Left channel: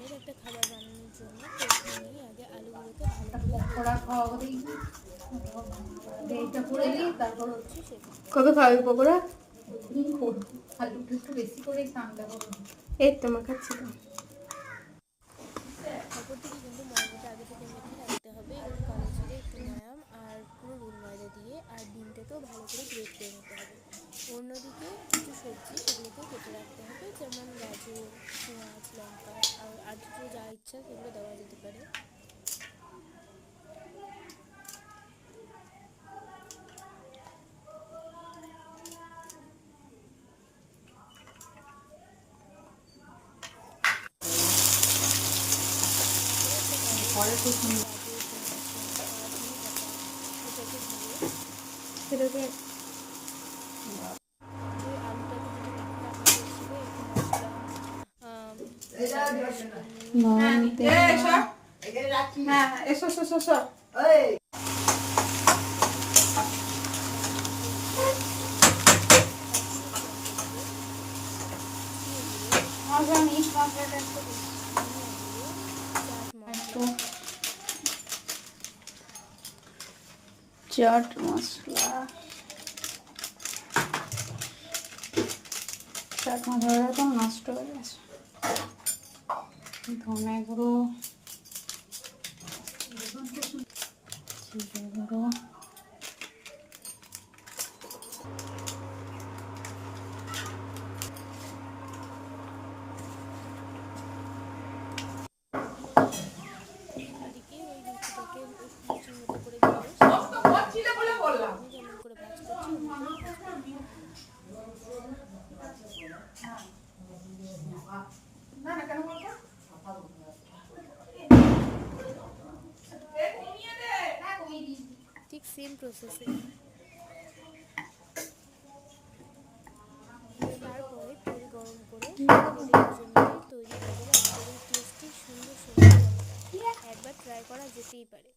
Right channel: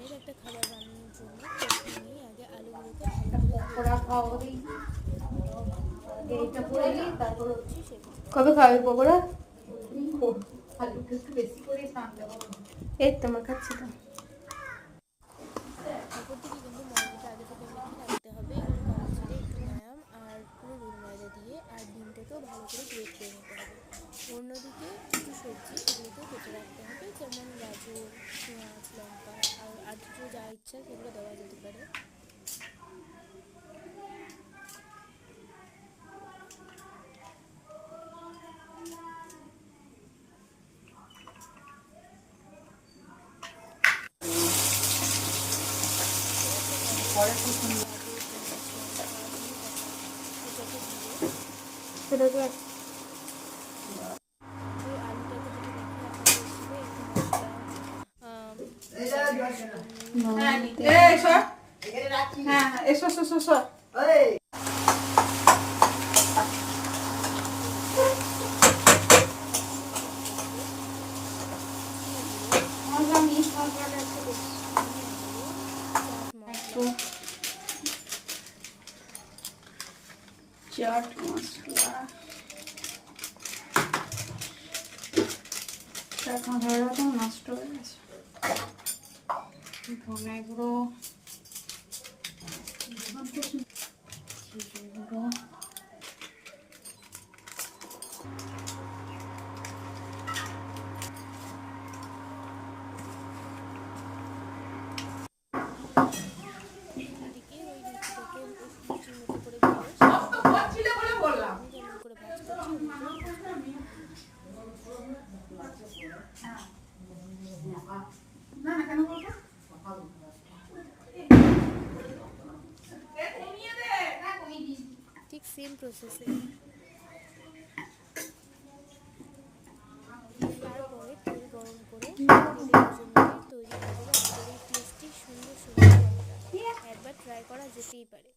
ধরনের একটা খাবার বানানোর জন্য প্রথমেই আগে আলুগুলোকে ভালো করে কবে খাবে পকোড়া? এই তো মাখাচ্ছি তো। অপর দিকে কিন্তু ময়দাটা আগে থেকে মেখে রাখতে হবে, একটু কালো জিরে, একটু ময়াম আর পুরো রুল ময়দা দিয়ে, আর ডিমটাকেও ভালো করে গ্রেট করে নিতে হবে। অন্যদিকে কিছু সবজি সেগুলোকেও কেটে রাখতে হবে, যেমন গাজর, পেঁয়াজ, লঙ্কা আর দুটো যা ইচ্ছা সেগুলো দেওয়া যেতে পারে। সেটাকে ওই আলুটাকে যেটা মেখে রাখা হয়েছিল একটু মশলা চাট মশলা ধরে তো নষ্ট হয়ে গেছে। ধনে গুঁড়ো, জিরে গুঁড়ো, দিকে ওই লুচিটাকে লুচির মতো করে বেলে আমি যেমন করে ভাজ করছি ওমনি করে ভাজ করবো। ঠিক সেম প্রসেসে তারপরে তেল গরম করে তেলে ভেজে নিলে তৈরি হয়ে যাবে আমাদের এই টেস্টি সুন্দর সবজি পকোড়া। একবার ট্রাই করা যেতেই পারে।